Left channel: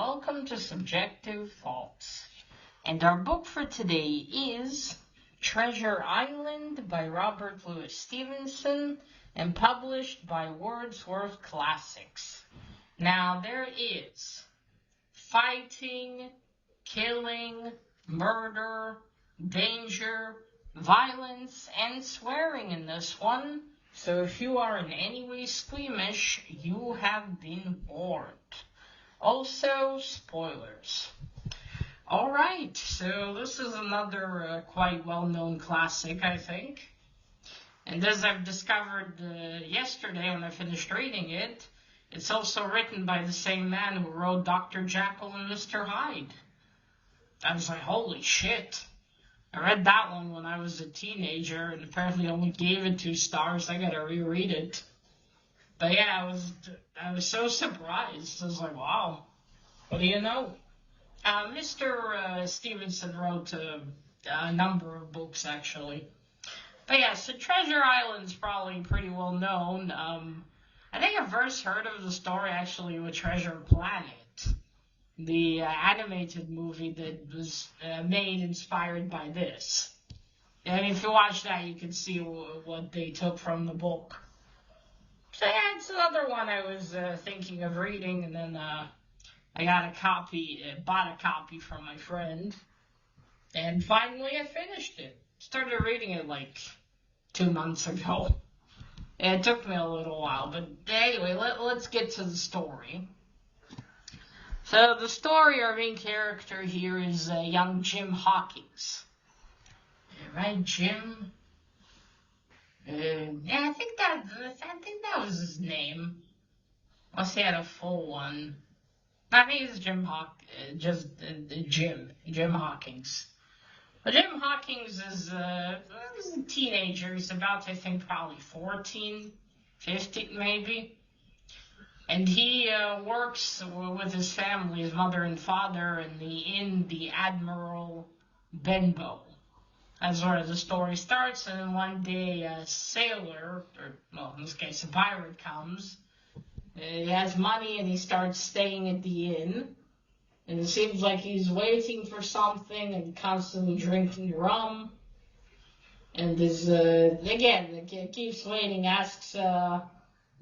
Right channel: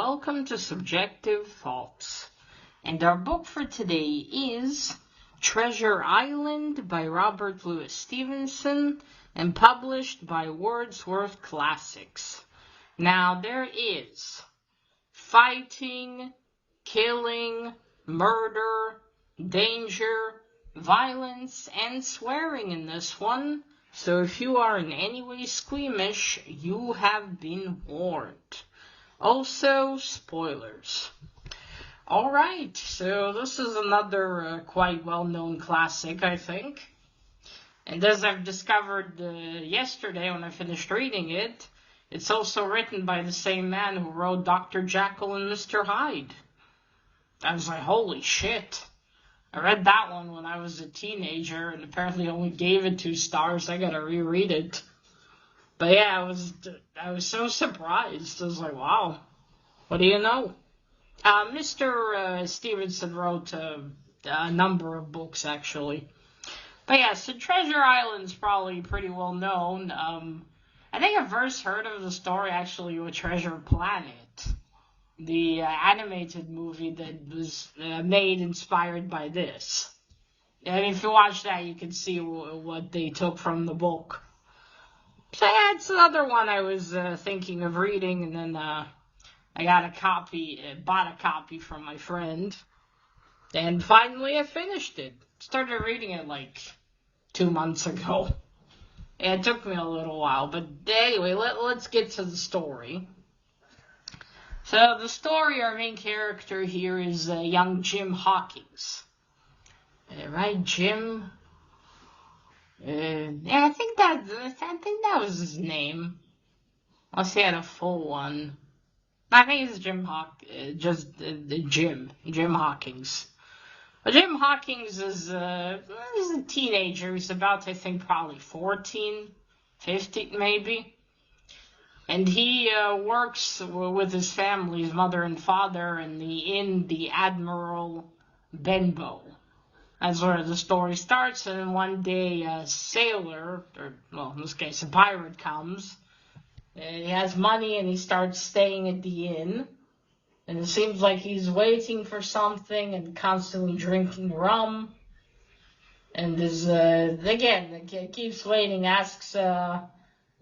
welcome to Subjective Thoughts. And our book for today is Treasure Island by Robert Louis Stevenson and published by Wordsworth Classics. Now there is fighting, killing, murder, danger, violence, and swearing in this one. So if you are in any way squeamish, you have been warned. Also, spoilers. Alright, so this is another quite well-known classic, I think. And as I've discovered yesterday when I finished reading it, it's also written by the same man who wrote Dr. Jekyll and Mr. Hyde. I was like, holy shit. I read that one when I was a teenager and apparently only gave it 2 stars. I gotta reread it. But yeah, I was so surprised. I was like, wow, what do you know? Mr. Stevenson wrote a number of books, actually. But yeah, so Treasure Island's probably pretty well known. I think I first heard of the story actually with Treasure Planet, the animated movie that was made inspired by this. And if you watch that, you can see what they took from the book. So yeah, it's another one I was thinking of reading, and then I got a copy, bought a copy from my friend, and finally I finished it. Started reading it like 2 months ago. It took me a little while, but anyway, let's get to the story. So the story, our main character here is young Jim Hawkins. Right, Jim? Yeah, I think that was his name. Unless he had a full one. I think it's Jim Hawkins. Well, Jim Hawkins is a teenager. He's about, I think, probably 14, 15 maybe. And he works with his family, his mother and father, in the Admiral Benbow. That's where the story starts. And then one day a sailor, or well, in this case a pirate, comes. He has money and he starts staying at the inn. And it seems like he's waiting for something and constantly drinking rum. And is again, keeps waiting, asks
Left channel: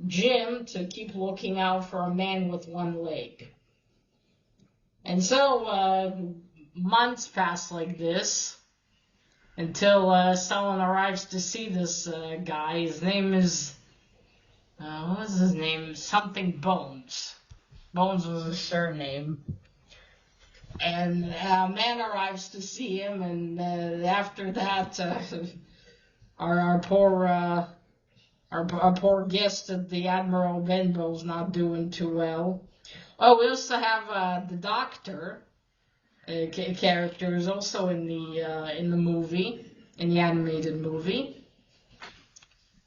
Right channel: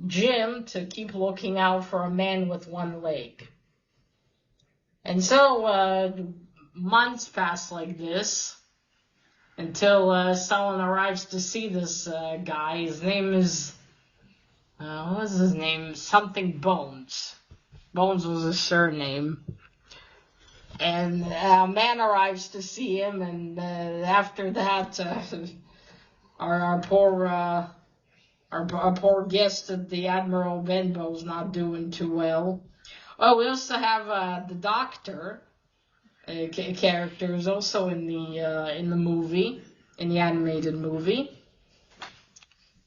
Jim to keep looking out for a man with one leg. And so months pass like this until someone arrives to see this guy. His name is, what was his name? Something Bones. Bones was his surname. And a man arrives to see him, and after that, our poor guest at the Admiral Benbow's not doing too well. Oh, we also have the doctor character who's also in the movie, in the animated movie.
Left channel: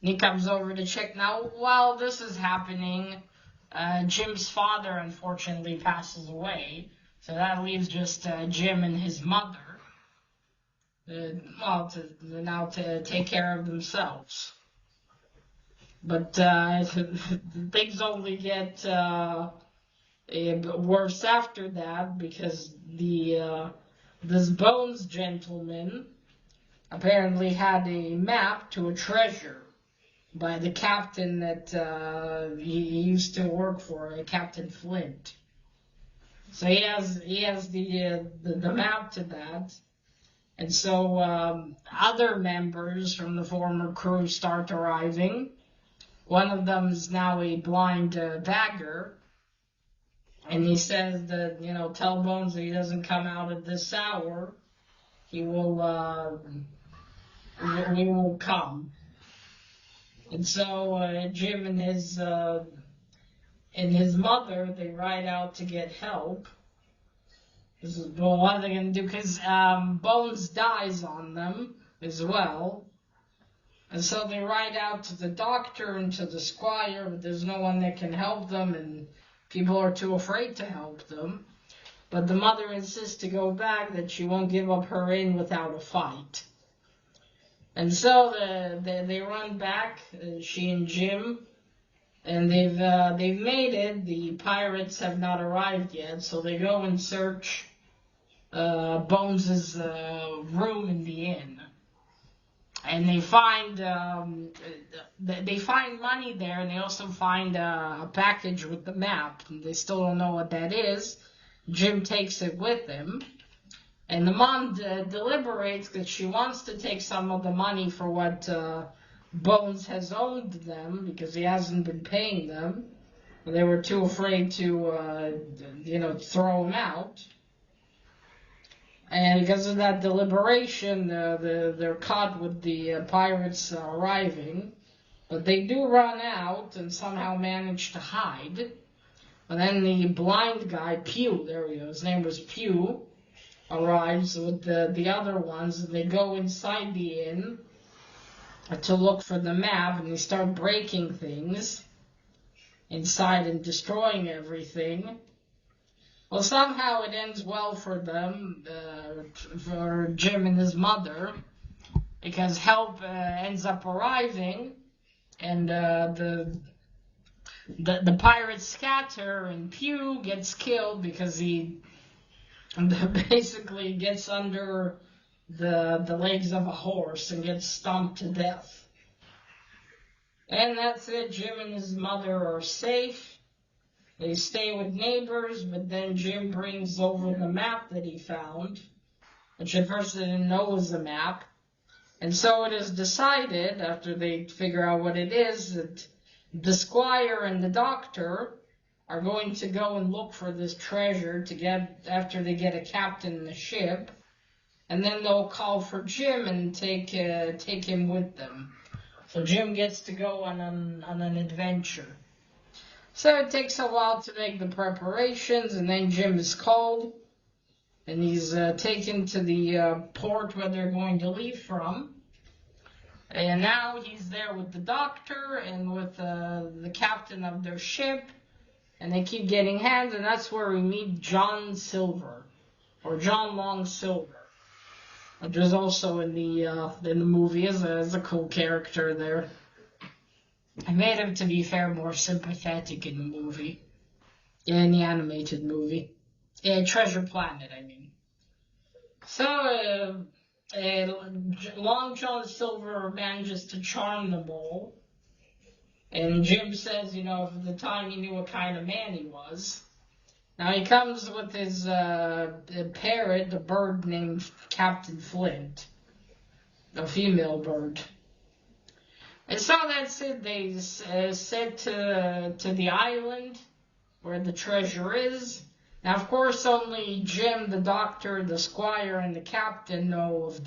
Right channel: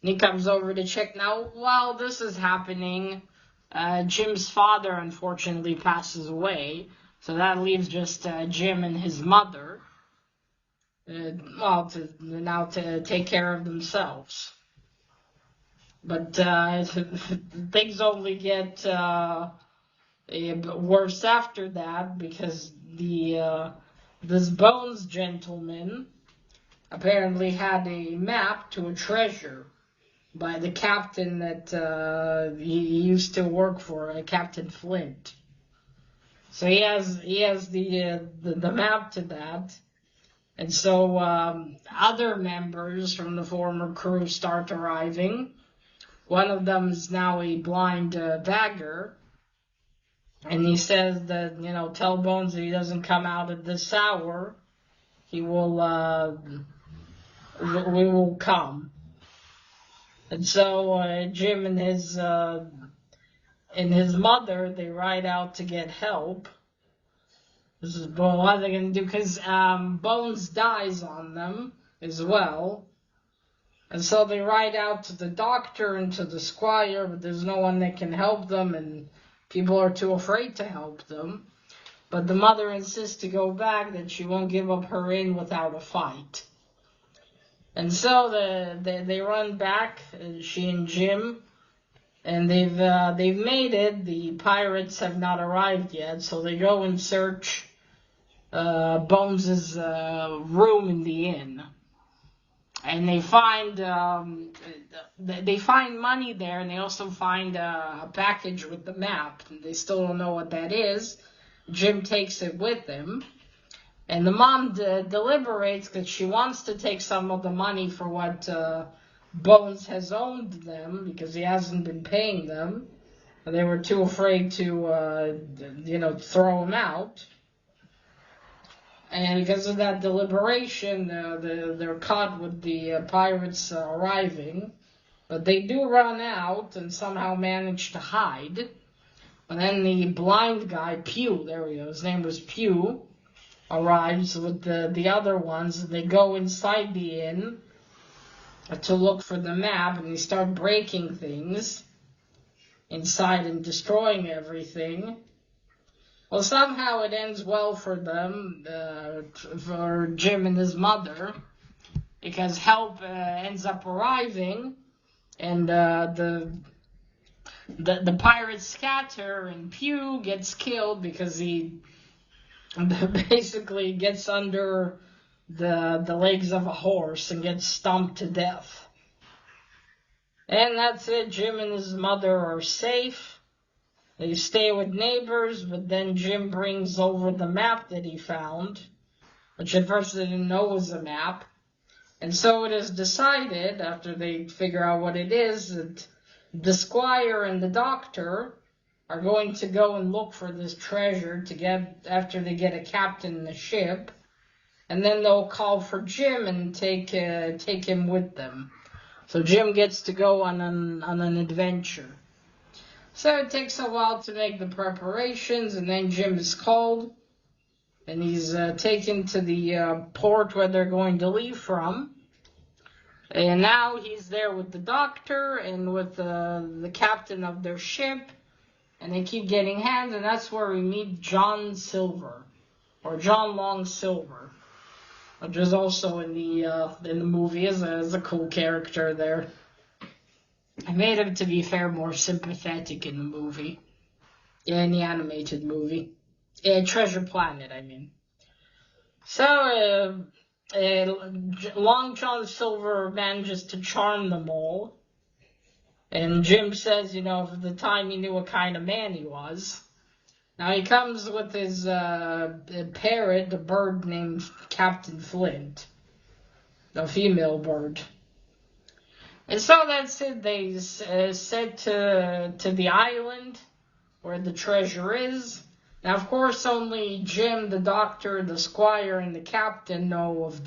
And he comes over to check. Now, while this is happening, Jim's father unfortunately passes away, so that leaves just Jim and his mother. To take care of themselves. But things only get worse after that, because this Bones gentleman apparently had a map to a treasure by the captain that he used to work for, Captain Flint. So he has the map to that. And so other members from the former crew start arriving. One of them is now a blind bagger. And he says that, tell Bones that he doesn't come out at this hour, we will come. And so Jim and his mother, they ride out to get help. This is, well, what are they going to do? Because Bones dies on them as well. And so they ride out to the doctor and to the squire, but there's no one that can help them, and people are too afraid to help them. But the mother insists to go back, that she won't give up her inn without a fight. And so they run back, she and Jim, And they've made it. The pirates have not arrived yet, so they go and search Bones's room in the inn, and they find money there, and they also find a package with the map. And they still don't know what that is. Jim takes it with him, and the mom deliberates because she wants to take some of the money for what Bones has owed them because he hasn't been paying them. They were too afraid to, throw him out. And because of that deliberation, they're caught with the pirates arriving. But they do run out and somehow manage to hide. And then the blind guy, Pew, there we go, his name was Pew, arrives with the other ones. And they go inside the inn to look for the map, and they start breaking things inside and destroying everything. Well, somehow it ends well for them, for Jim and his mother, because help ends up arriving, and the pirates scatter, and Pew gets killed because he basically gets under the legs of a horse and gets stomped to death. And that's it. Jim and his mother are safe. They stay with neighbors, but then Jim brings over the map that he found, which at first they didn't know was a map. And so it is decided, after they figure out what it is, that the squire and the doctor are going to go and look for this treasure after they get a captain in the ship. And then they'll call for Jim and take him with them. So Jim gets to go on an adventure. So it takes a while to make the preparations, and then Jim is called, and he's taken to the port where they're going to leave from. And now he's there with the doctor and with the captain of their ship, and they keep getting hands, and that's where we meet John Silver, or John Long Silver, which is also in the movie as a cool character there. I made him, to be fair, more sympathetic in the movie. In the animated movie. Treasure Planet, I mean. So, Long John Silver manages to charm them all. And Jim says, for the time he knew what kind of man he was. Now he comes with his parrot, a bird named Captain Flint. A female bird. And so that's it. They said to the island where the treasure is. Now, of course, only Jim, the doctor, the squire, and the captain know of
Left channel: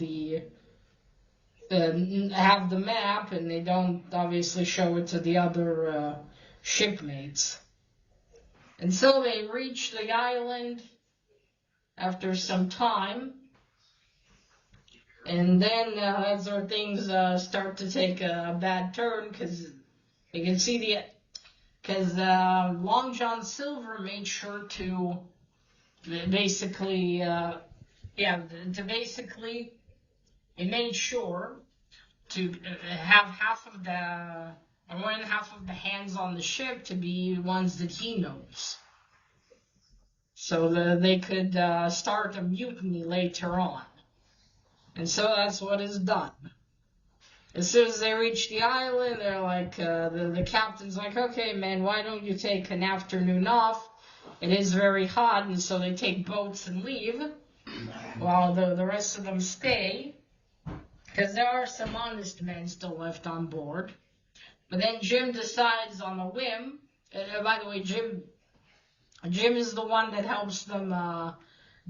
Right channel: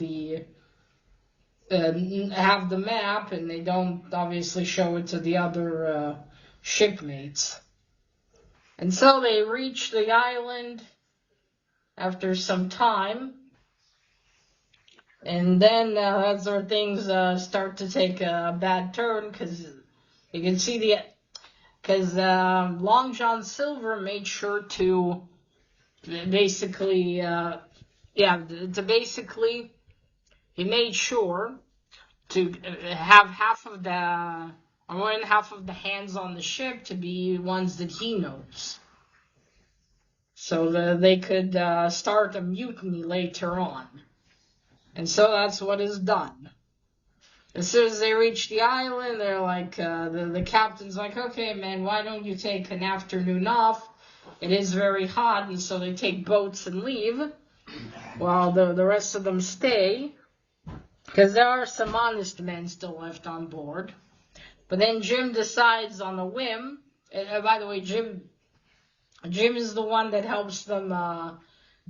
have the map, and they don't obviously show it to the other shipmates. And so they reach the island after some time. And then that's where things start to take a bad turn, because you can see because Long John Silver made sure to basically, he made sure to have more than half of the hands on the ship to be ones that he knows, so that they could start a mutiny later on. And so that's what is done. As soon as they reach the island, they're like, the captain's like, okay, man, why don't you take an afternoon off? It is very hot, and so they take boats and leave, while the rest of them stay, because there are some honest men still left on board. But then Jim decides on a whim, by the way, Jim is the one that helps them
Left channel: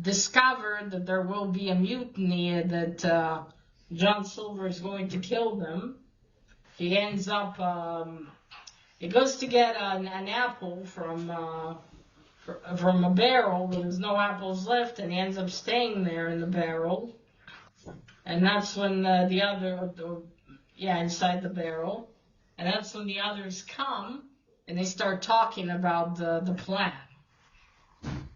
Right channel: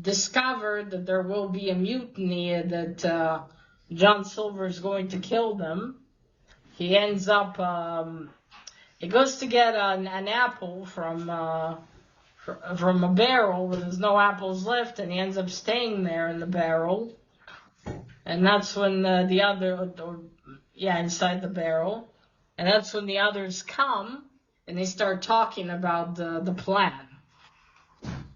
discover that there will be a mutiny, that John Silver is going to kill them. He ends up, he goes to get an apple from a barrel, but there's no apples left, and he ends up staying there in the barrel. And that's when inside the barrel. And that's when the others come, and they start talking about the plan.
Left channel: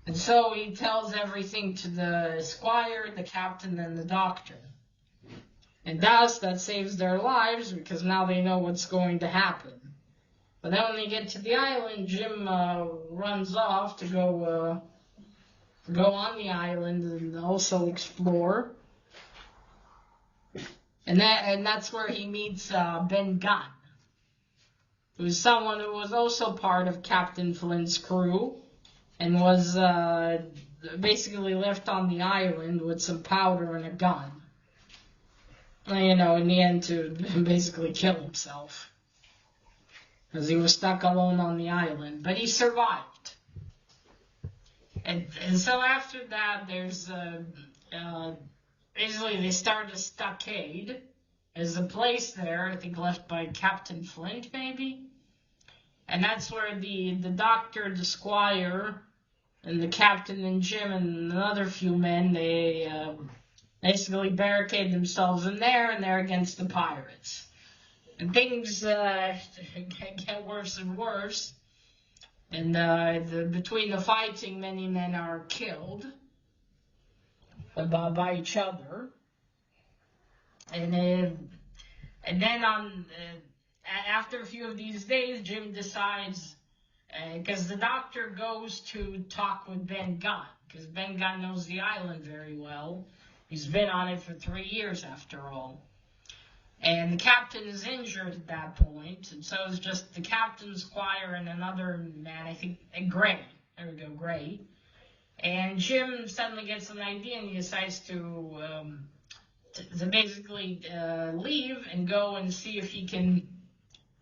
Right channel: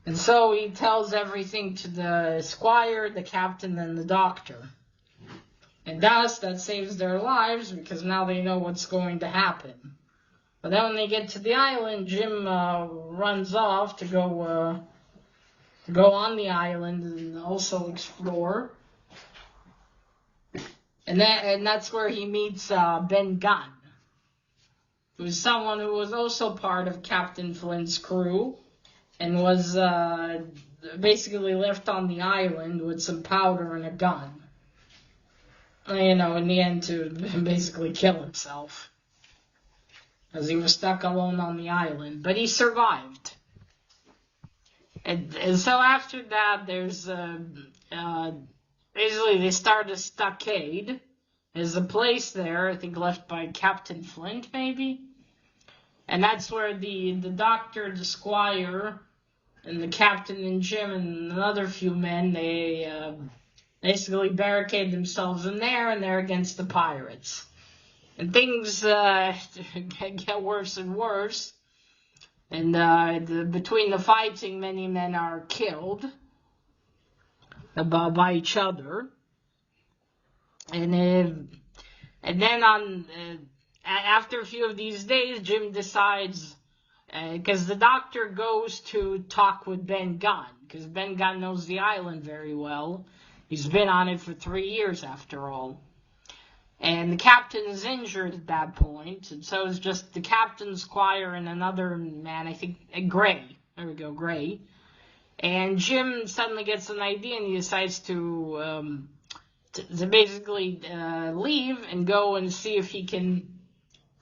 And so he tells everything to the squire, the captain, and the doctor. And thus, that saves their lives, because now they know what's going to happen. But then when they get to the island, Jim runs off to go on the island and also explore. And that's where he meets Ben Gunn, who's someone who was also part of Captain Flint's crew and was basically left on the island with some powder and a gun. You know, in the end to basically kill himself, because he was stuck alone on the island. But he survived. And so after that, there's basically they start a stockade. There's a place there, I think left by Captain Flint, maybe. And that's where the doctor, the squire, and the captain and Jim and another few men, they basically barricade themselves in there, and they're against the pirates. And things get worse and worse. And between the fighting, many men are killed by each other. And then after a few of these days, Jim decides, because the doctor goes to talk with Ben Gunn, because Ben Gunn knows the island very well. He's been on it for 3 years, after all. And the captain is injured at that point, and so it's just the captain, squire, and another man, I think, Gray. There we go, Gray. And Jim suddenly gets an idea, and he decides to basically leave and go and see if he can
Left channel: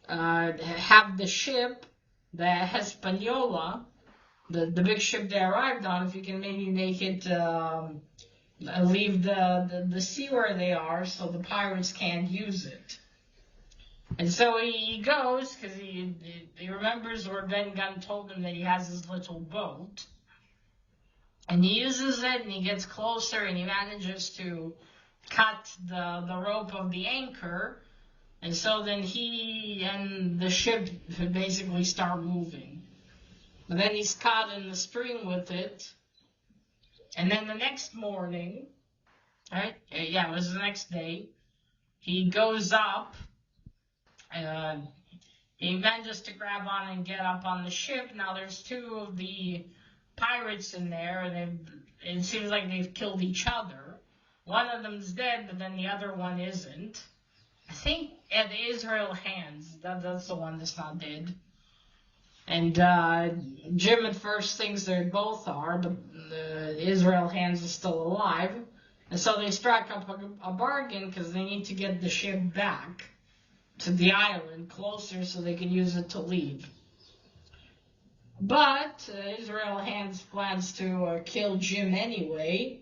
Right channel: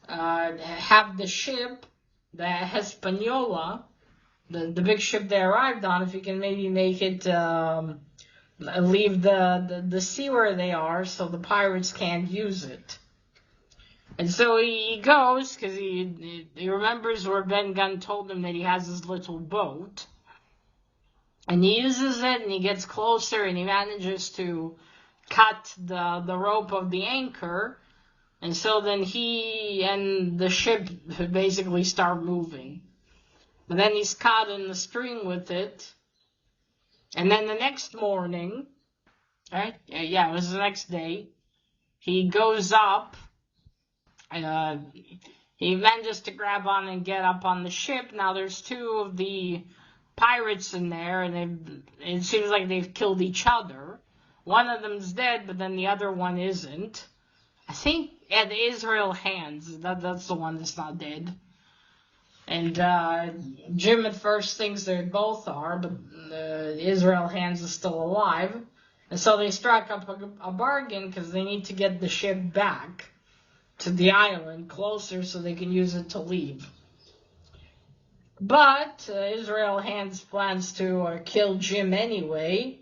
have the ship, the Hispaniola, the big ship they arrived on, if he can maybe make it leave the sea where they are so the pirates can't use it. And so he goes, because he remembers where Ben Gunn told him that he has his little boat. And he uses it, and he gets closer, and he manages to cut the rope of the anchor. And so then he and the ship basically start moving. But then he's caught in the string with it. And then the next morning, right? Yeah, it was the next day. He goes up. He manages to grab on and get up on the ship. Now there's 2 of the pirates in there, and it seems like they've killed each other. One of them's dead, but then the other one isn't. I think at Israel Hands, that's the one that's not dead. And Jim at first thinks they both are, but Israel Hands is still alive. And so they strike up a bargain, because they need to get the ship back to the island closer so they can use it to leave. But Israel Hands plans to kill Jim anyway,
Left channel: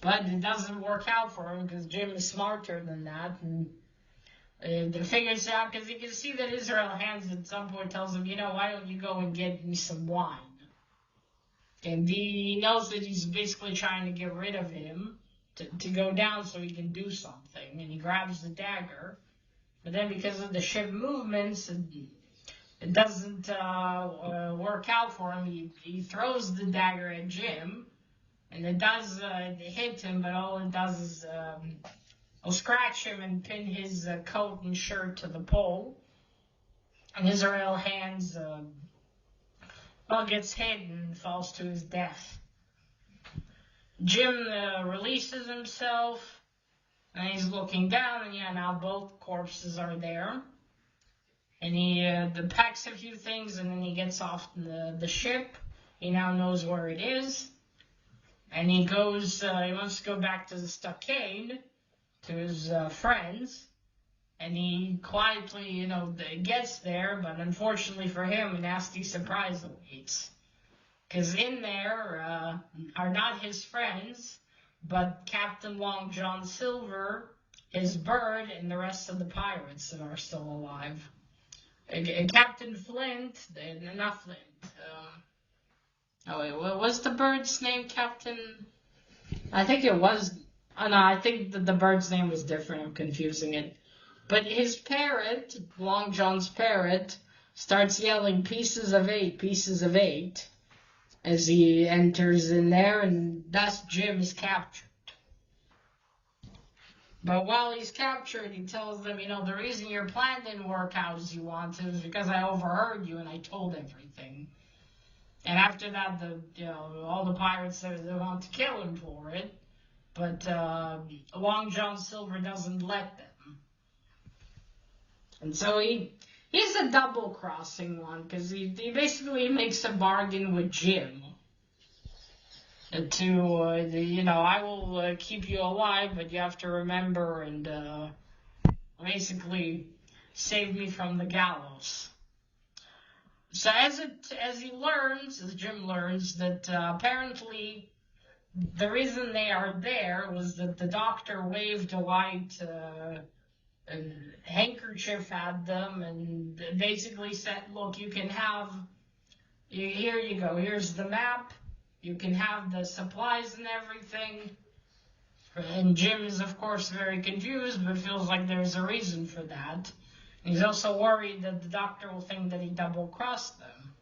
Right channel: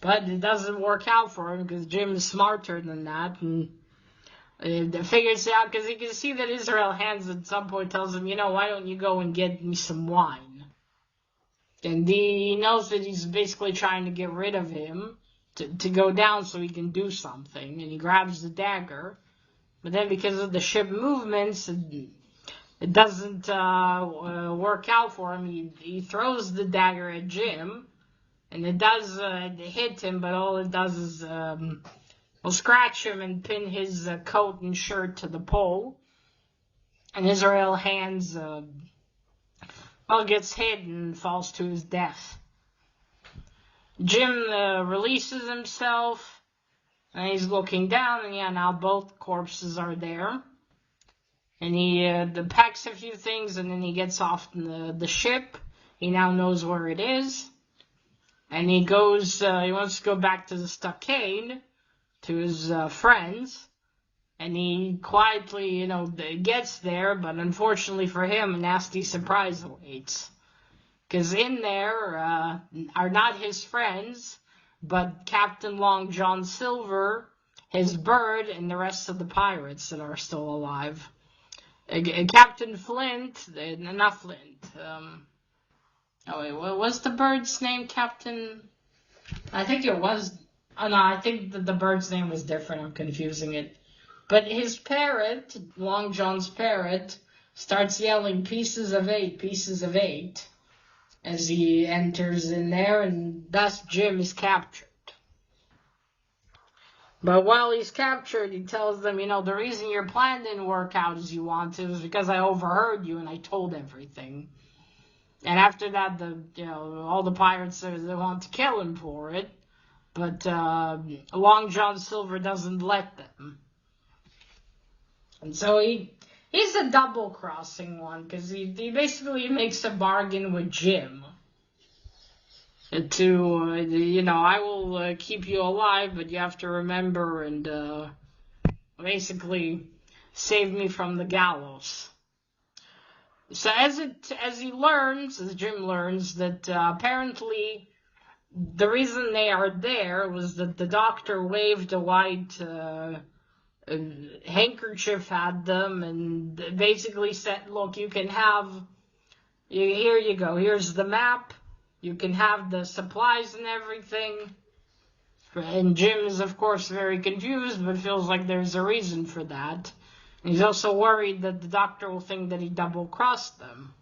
but it doesn't work out for him, because Jim is smarter than that, and figures it out, because he can see that Israel Hands at some point tells him, why don't you go and get me some wine? And he knows that he's basically trying to get rid of him, to go down so he can do something, and he grabs the dagger. But then because of the ship movements, it doesn't work out for him. He throws the dagger at Jim, and it does hit him, but all it does is will scratch him and pin his coat and shirt to the pole. And Israel Hands gets hit and falls to his death. Jim releases himself, and he's looking down, and now both corpses are there. And he packs a few things, and then he gets off the ship. He now knows where it is. And he goes, he wants to go back to the stockade, to his friends, and he quietly, gets there, but unfortunately for him, a nasty surprise awaits. Because in there are not his friends, but Captain Long John Silver, his bird, and the rest of the pirates that are still alive. And Captain Flint, not Flint, what was the bird's name, Captain? I think it was... Oh, no, I think that the bird's name was different. I'm confusing it. But his parrot, Long John's parrot, starts yelling, "Pieces of 8, pieces of 8," as he enters in there, and thus Jim is captured. But while he's captured, he tells them, the reason your plan didn't work out as you wanted was because I overheard you and I told everything. And after that, all the pirates said they want to kill him for it. But Long John Silver doesn't let them. And so he's a double-crossing one, because he basically makes a bargain with Jim. I will keep you alive, but you have to remember and basically save me from the gallows. So as Jim learns that apparently the reason they are there was that the doctor waved a white handkerchief at them and basically said, look, you can have, here you go, here's the map, you can have the supplies and everything. And Jim is, of course, very confused, but feels like there's a reason for that. And he's also worried that the doctor will think that he double-crossed them.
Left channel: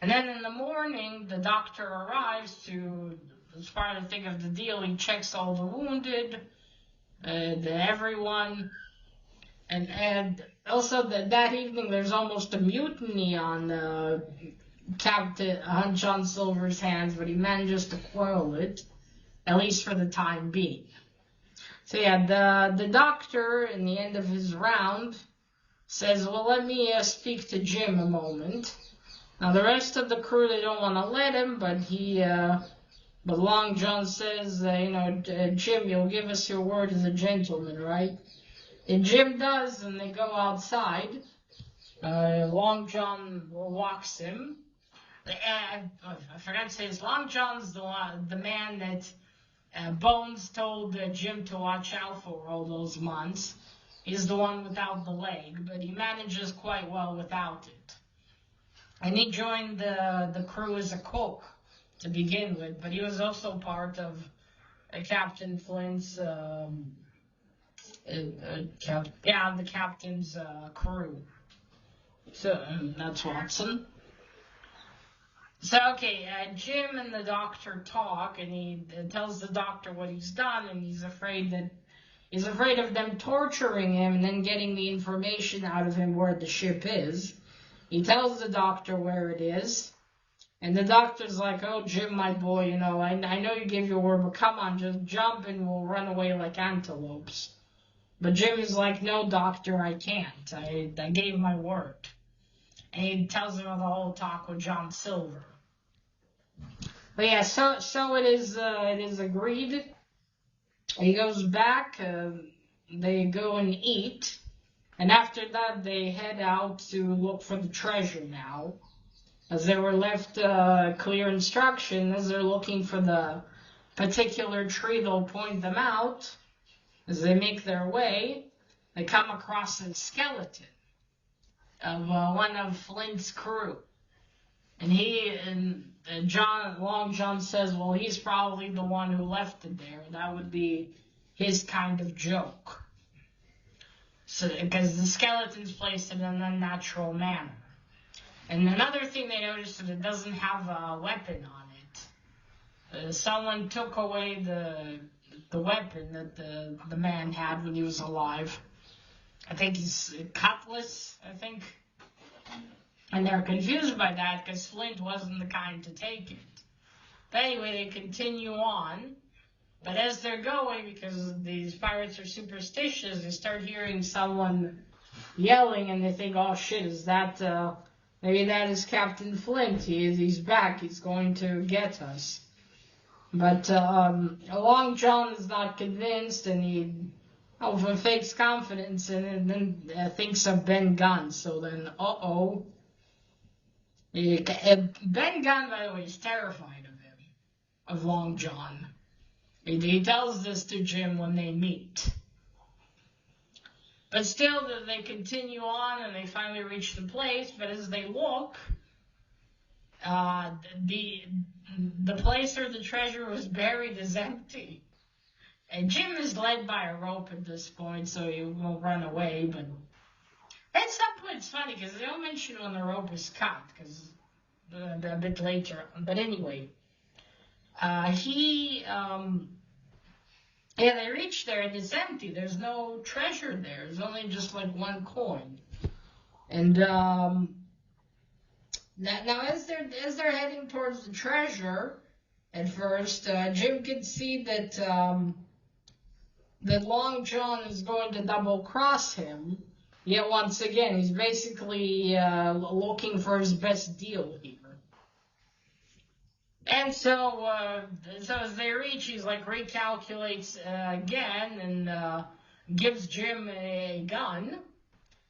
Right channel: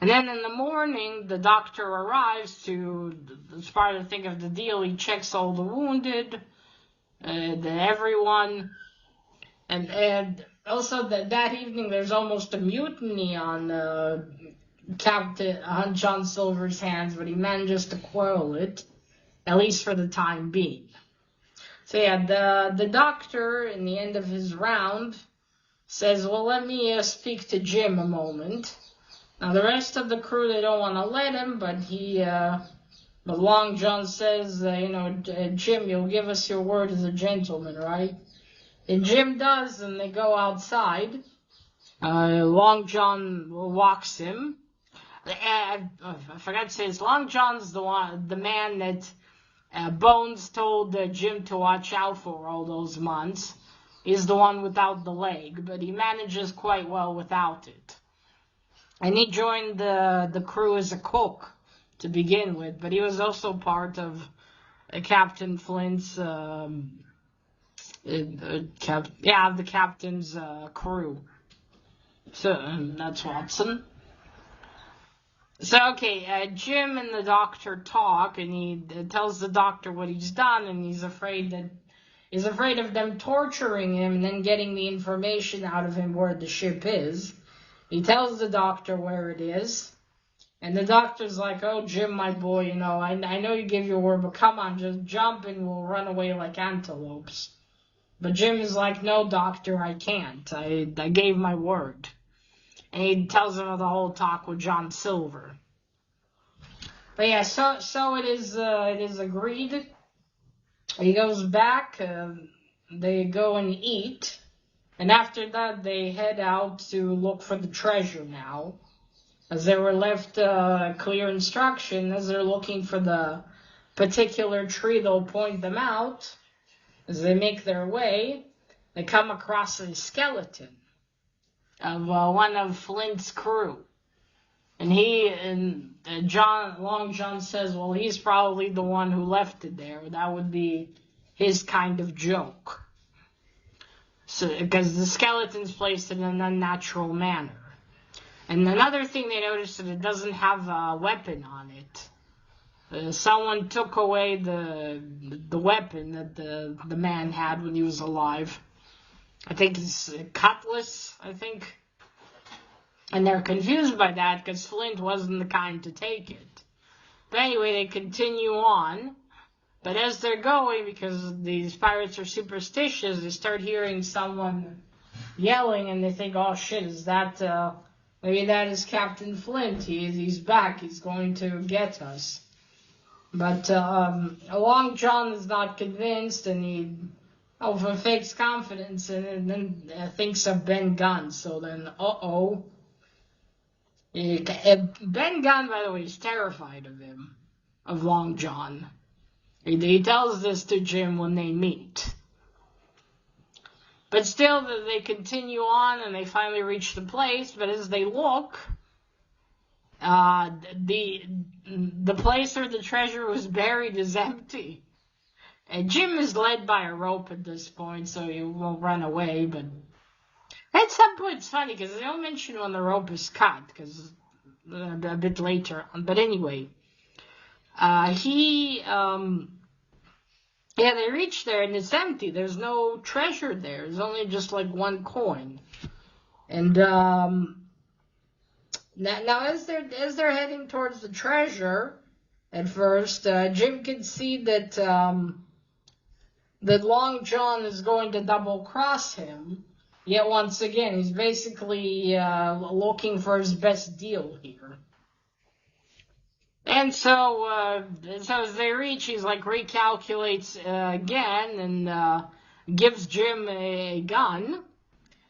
And then in the morning, the doctor arrives as part of the deal, he checks all the wounded, everyone. And also that evening, there's almost a mutiny on John Silver's hands, but he manages to quell it, at least for the time being. So yeah, the doctor, in the end of his round, says, well, let me speak to Jim a moment. Now, the rest of the crew, they don't want to let him, but Long John says, Jim, you'll give us your word as a gentleman, right? And Jim does, and they go outside. Long John walks him. I forgot to say this. Long John's the man that Bones told Jim to watch out for all those months. He's the one without the leg, but he manages quite well without it. And he joined the crew as a cook to begin with, but he was also part of Captain Flint's, the captain's crew. So that's Watson. So, okay, Jim and the doctor talk, and he tells the doctor what he's done, and he's afraid of them torturing him and then getting the information out of him where the ship is. He tells the doctor where it is, and the doctor's like, oh, Jim, my boy, I know you gave your word, but come on, just jump and we'll run away like antelopes. But Jim is like, no, doctor, I can't. I gave my word. And he tells him the whole talk with John Silver. But yeah, so it is agreed. He goes back, they go and eat, and after that they head out to look for the treasure now. As they were left clear instruction, as they're looking for the particular tree, they'll point them out. As they make their way, they come across a skeleton of one of Flint's crew. And Long John says, well, he's probably the one who left it there. That would be his kind of joke. So, because the skeleton's placed in an unnatural manner. And another thing they noticed is that it doesn't have a weapon on it. Someone took away the weapon that the man had when he was alive. I think it's a cutlass, And they're confused by that because Flint wasn't the kind to take it. But anyway, they continue on. But as they're going, because these pirates are superstitious, they start hearing someone yelling and they think, oh shit, is that, maybe that is Captain Flint. He's back. He's going to get us. But Long John is not convinced, and he fakes confidence and then thinks of Ben Gunn. So then, Ben Gunn, by the way, is terrified of him, of Long John. He tells this to Jim when they meet. But still, they continue on, and they finally reach the place. But as they look, the place where the treasure was buried is empty. And Jim is led by a rope at this point, so he won't run away. But at some point, it's funny, because they don't mention when the rope is cut, because a bit later on. But anyway, Yeah, they reach there and it's empty. There's no treasure there. There's only just like one coin. And now as they're heading towards the treasure, at first, Jim can see that that Long John is going to double cross him. Yet once again, he's basically looking for his best deal here. And so as they reach, he's like recalculates again and gives Jim a gun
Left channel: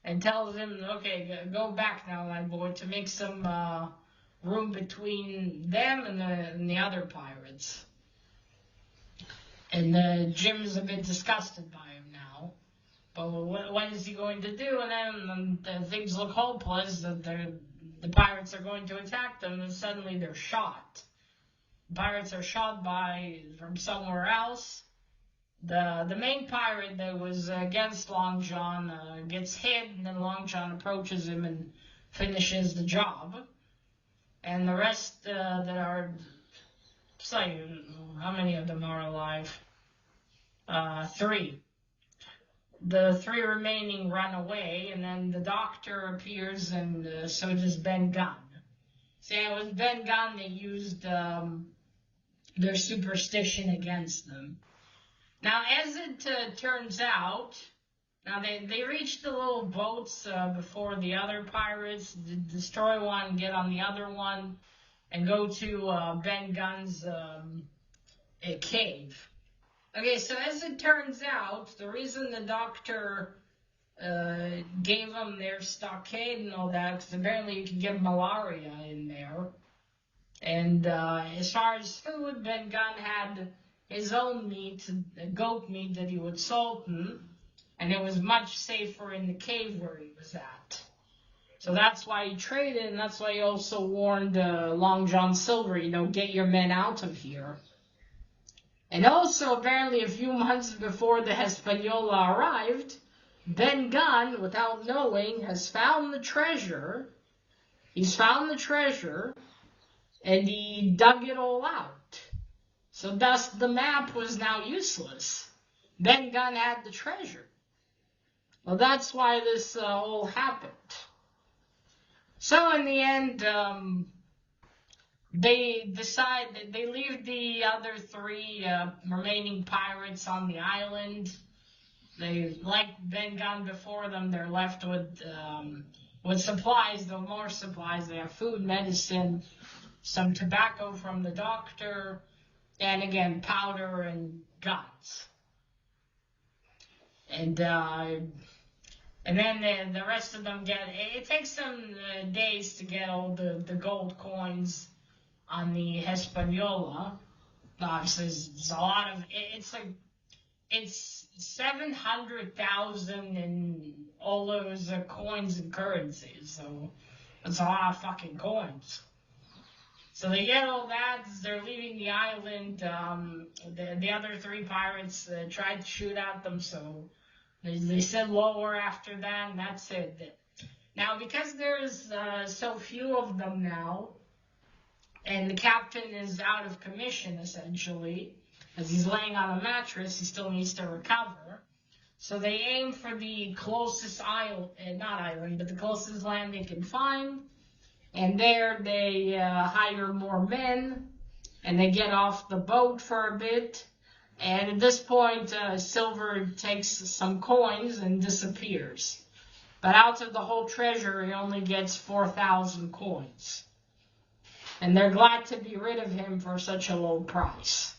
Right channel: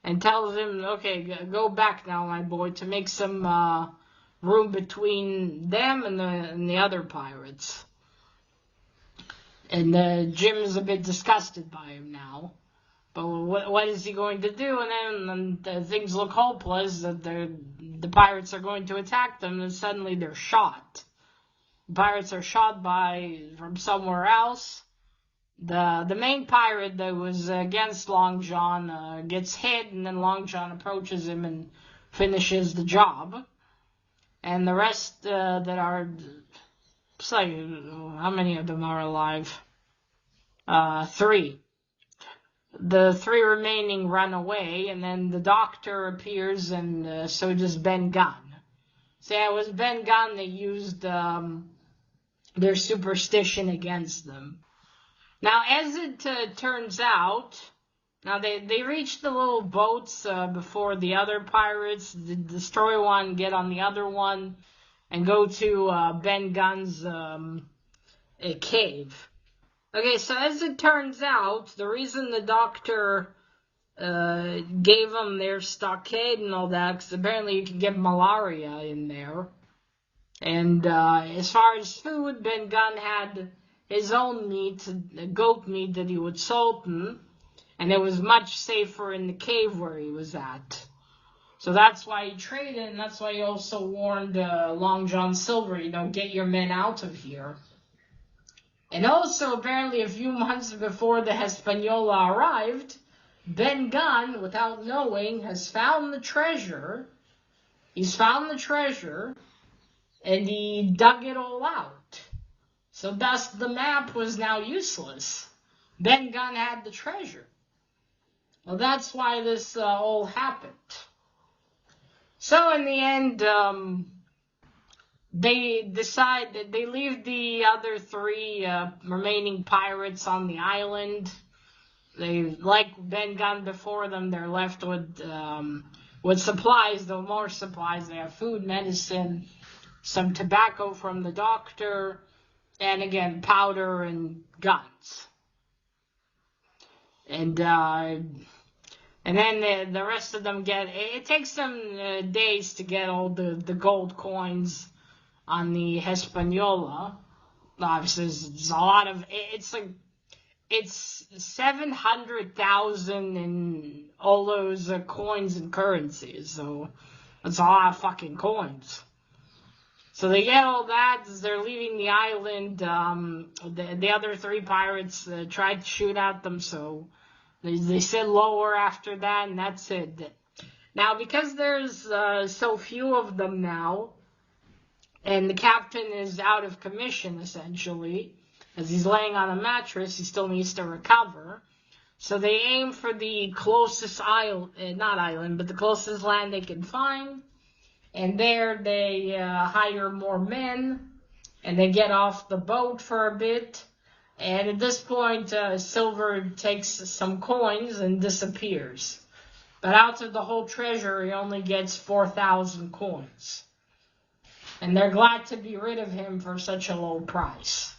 and tells him, okay, go back now, my boy, to make some room between them and the other pirates. And Jim is a bit disgusted by him now. But what is he going to do? And then things look hopeless, that the pirates are going to attack them, and suddenly they're shot. Pirates are shot from somewhere else. The main pirate that was against Long John gets hit, and then Long John approaches him and finishes the job. And the rest that are, say, how many of them are alive? 3. The 3 remaining run away, and then the doctor appears, and so does Ben Gunn. So yeah, it was Ben Gunn that used their superstition against them. Now, as it turns out, now they reach the little boats before the other pirates, destroy one, get on the other one, and go to Ben Gunn's cave. Okay, so as it turns out, the reason the doctor gave them their stockade and all that, because apparently you could get malaria in there. And as far as food, Ben Gunn had his own meat, goat meat that he would salten, and it was much safer in the cave where he was at. So that's why he traded, and that's why he also warned Long John Silver, get your men out of here. And also, apparently a few months before the Hispaniola arrived, Ben Gunn, without knowing, has found the treasure. He's found the treasure, and he dug it all out. So thus the map was now useless. Ben Gunn had the treasure. Well, that's why this all happened. So in the end, they decide that they leave the other 3 remaining pirates on the island. They, like Ben Gunn before them, they're left with supplies, though more supplies. They have food, medicine, some tobacco from the doctor, and again, powder and guns. And then the rest of them it takes them days to get all the gold coins on the Hispaniola. Obviously, it's a lot of, it's 700,000 in all those coins and currencies, so it's a lot of fucking coins. So they get all that as they're leaving the island. The other 3 pirates tried to shoot at them, so they sit lower after that, and that's it. Now, because there's so few of them now, and the captain is out of commission, essentially, as he's laying on a mattress, he still needs to recover. So they aim for the closest the closest land they can find. And there they hire more men, and they get off the boat for a bit. And at this point, Silver takes some coins and disappears. But out of the whole treasure, he only gets 4,000 coins. And they're glad to be rid of him for such a low price.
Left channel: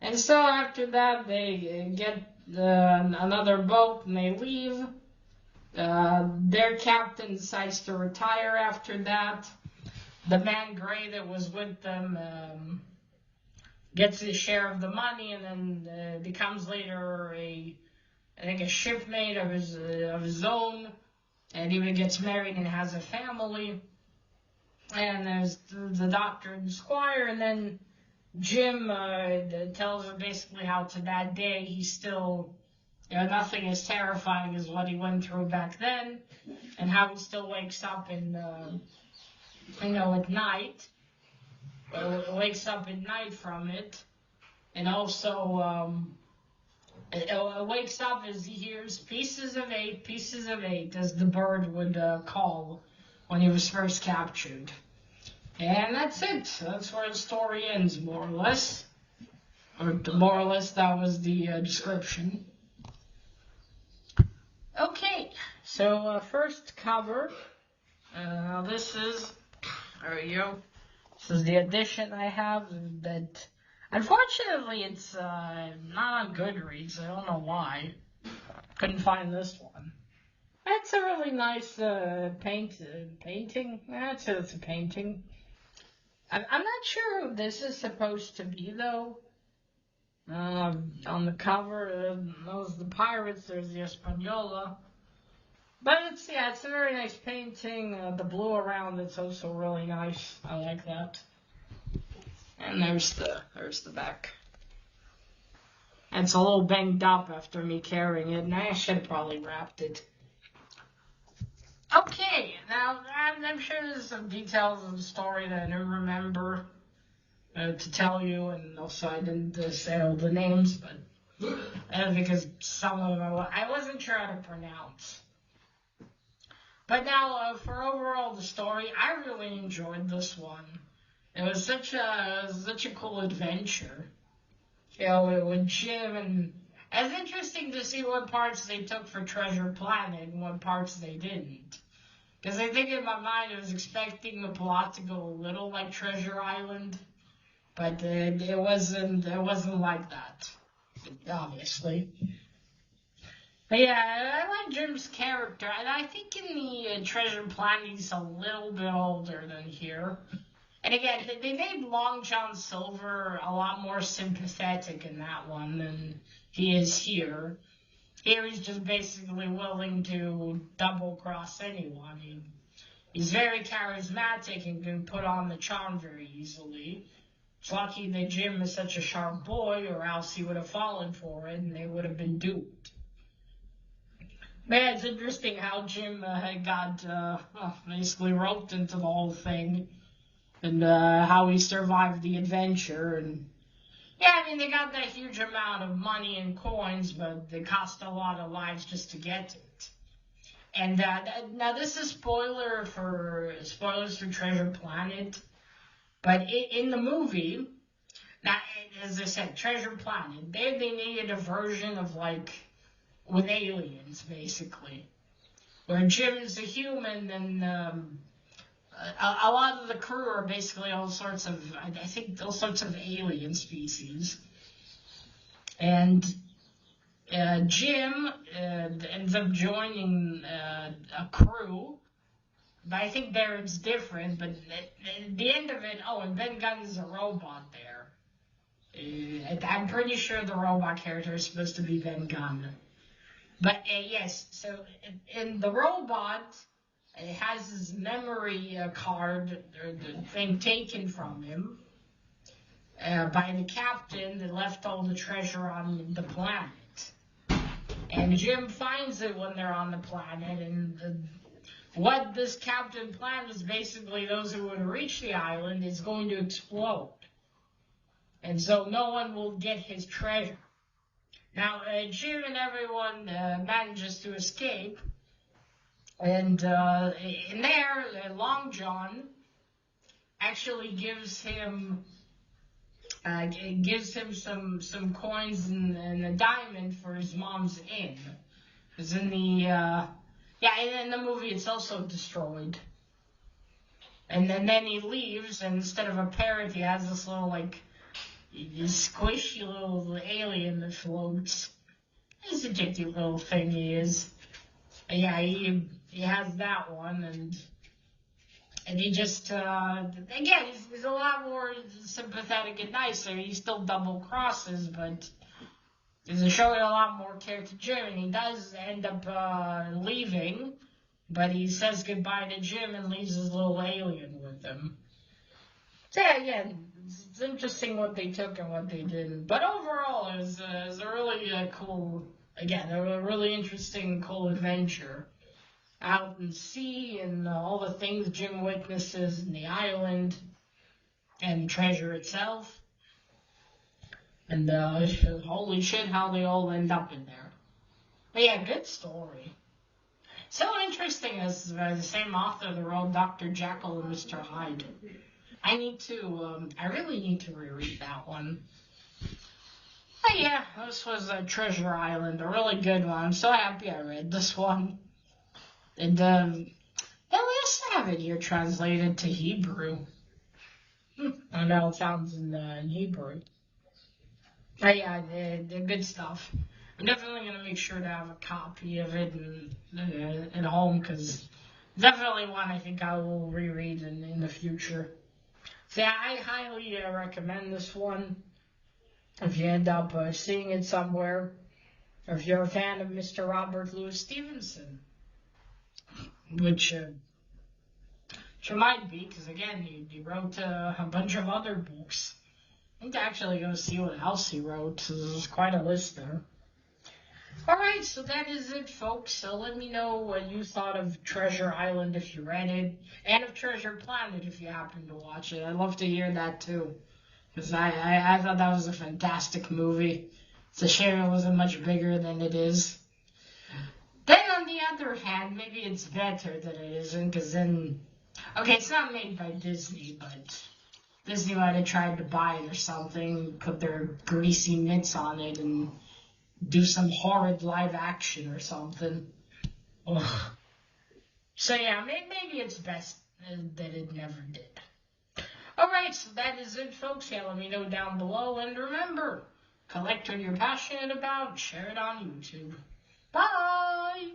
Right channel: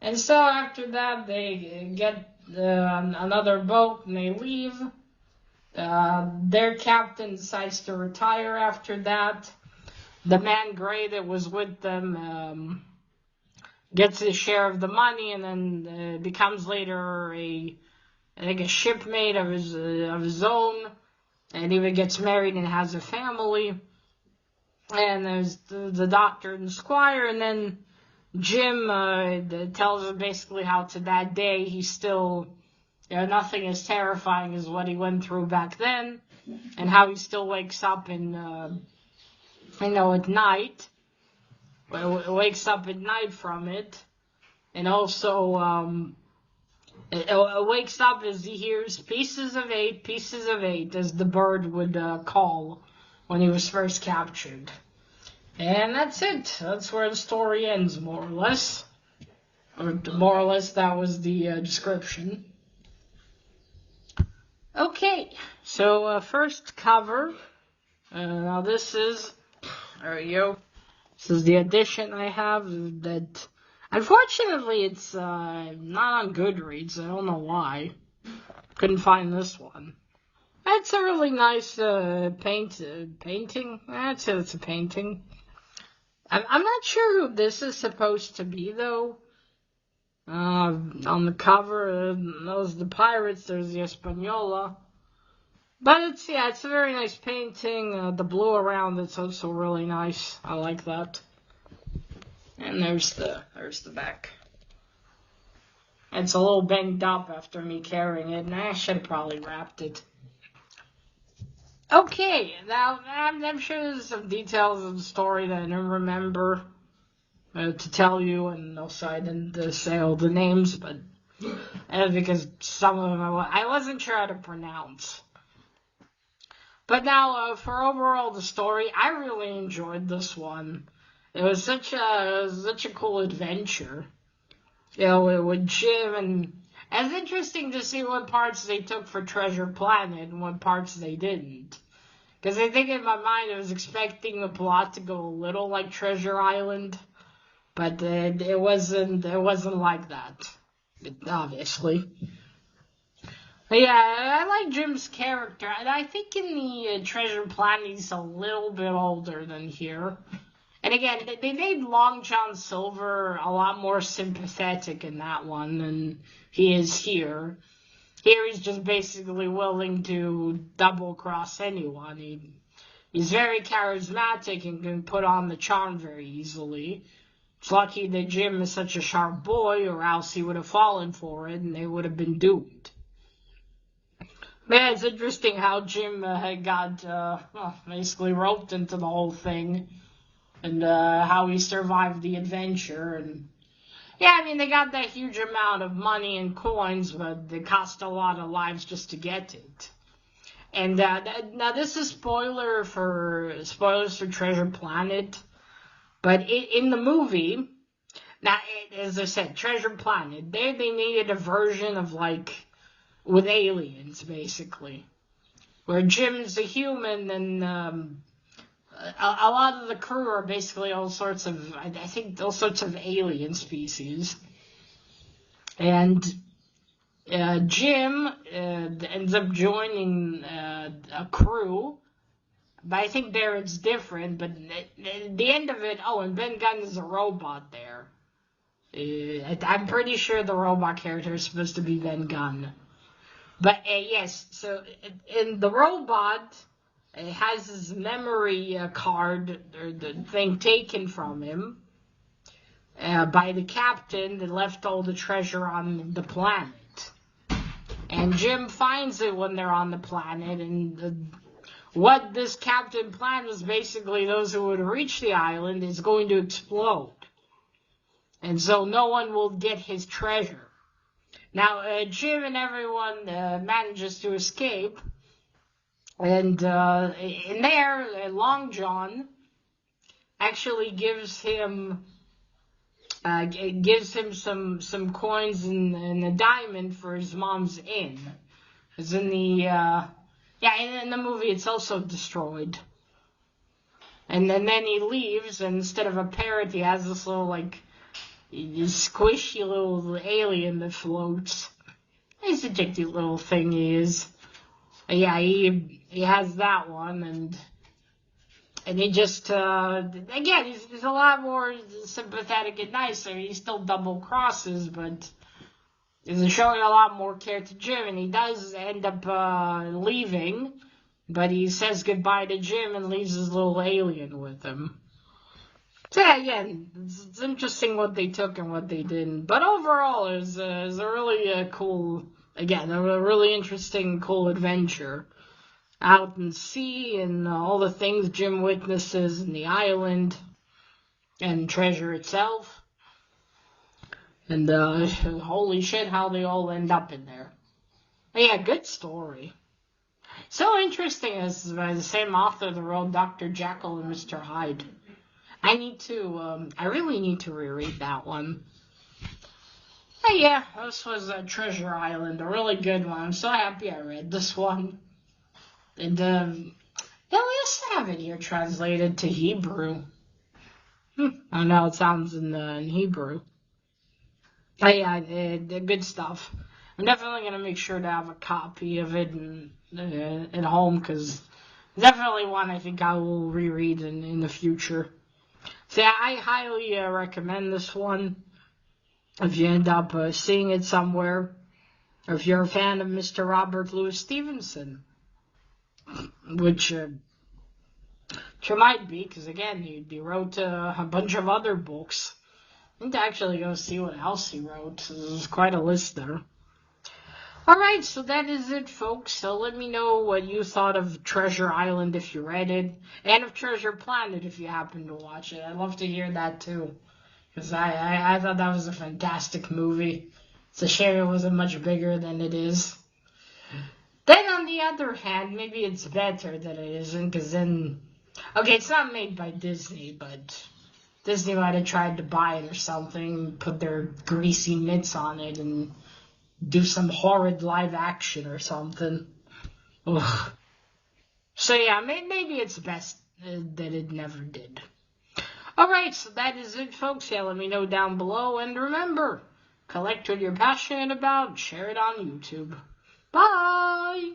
And so after that, they get another boat and they leave. Their captain decides to retire after that. The man Gray that was with them gets his share of the money, and then becomes later a shipmate of his own, and even gets married and has a family. And there's the doctor and Squire, and then Jim tells him basically how to that day he's still, nothing as terrifying as what he went through back then, and how he still wakes up at night. Wakes up at night from it, and also wakes up as he hears pieces of eight, as the bird would call when he was first captured. And that's it. That's where the story ends, more or less. Or more or less, that was the description. Okay, so first cover. Now this is, there we go. This is the edition I have. That unfortunately it's not on Goodreads. I don't know why. Couldn't find this one. That's a really nice painting. I'd say it's a painting. I'm not sure who this is supposed to be though. On the cover, those the pirates. There's the Española. But it's a very nice painting. The blue around it's also really nice. I like that. And there's the back. It's a little banged up after me carrying it, and I should have probably wrapped it. Okay, now I'm sure there's some details of the story that I don't remember to tell you, and also I didn't say all the names, but because some of them I wasn't sure how to pronounce. But now, for overall the story, I really enjoyed this one. It was such a cool adventure. With Jim, and it's interesting to see what parts they took for Treasure Planet and what parts they didn't. Because I think in my mind I was expecting the plot to go a little like Treasure Island, but it wasn't like that, obviously. But yeah, I like Jim's character, and I think in the Treasure Planet he's a little bit older than here. And again, they made Long John Silver a lot more sympathetic in that one than he is here. Here he's just basically willing to double-cross anyone. He's very charismatic and can put on the charm very easily. It's lucky that Jim is such a sharp boy, or else he would have fallen for it and they would have been doomed. But yeah, it's interesting how Jim had got basically roped into the whole thing. And how he survived the adventure. And yeah, I mean, they got that huge amount of money and coins, but it cost a lot of lives just to get it. And now this is spoilers for Treasure Planet. But in the movie, now, as I said, Treasure Planet, there they needed a version of, with aliens, basically. Where Jim's a human and a lot of the crew are basically all sorts of alien species. And Jim ends up joining a crew, but I think there it's different. But at the end of it, and Ben Gunn is a robot there. I'm pretty sure the robot character is supposed to be Ben Gunn. But yes, so in the robot, it has his memory card, or the thing taken from him by the captain that left all the treasure on the planet. And Jim finds it when they're on the planet, and what this captain planned was basically those who would reach the island is going to explode. And so no one will get his treasure. Now, Jim and everyone manages to escape. And in there, Long John actually gives him some coins and a diamond for his mom's inn. Because in the in the movie it's also destroyed. And then he leaves, and instead of a parrot, he has this little this squishy little alien that floats. He's a cute little thing he is. Yeah, he has that one, and he just again he's a lot more sympathetic and nicer. He still double crosses, but he's showing a lot more care to Jim, and he does end up leaving, but he says goodbye to Jim and leaves his little alien with him. So yeah, again, it's interesting what they took and what they didn't, but overall it was a really cool. Again, a really interesting, cool adventure out in sea and all the things Jim witnesses in the island and treasure itself. And holy shit, how they all end up in there. But yeah, good story. So interesting as by the same author that wrote Dr. Jekyll and Mr. Hyde. I really need to reread that one. But yeah, this was Treasure Island, a really good one. I'm so happy I read this one. And yeah, we also have it here translated to Hebrew. I don't know how it sounds in Hebrew. But yeah, the good stuff. I'm definitely going to make sure to have a copy of it at home because definitely one I think I will reread in the future. So yeah, I highly recommend this one if you end up seeing it somewhere, or if you're a fan of Mr. Robert Louis Stevenson, which you might be, because again, he wrote a bunch of other books. I need to actually go see what else he wrote. There's quite a list there. Alright, so that is it, folks. So let me know what you thought of Treasure Island if you read it, and of Treasure Planet if you happen to watch it. I'd love to hear that too, because I thought that was a fantastic movie. It's a shame it wasn't much bigger than it is. Then on the other hand, maybe it's better that it isn't, because then... Okay, it's not made by Disney, but Disney might have tried to buy it or something, put their greasy mitts on it, and do some horrid live action or something. Ugh. So yeah, maybe it's best that it never did. Alright, so that is it, folks. Yeah, let me know down below, and remember, collect what you're passionate about and share it on YouTube. Bye!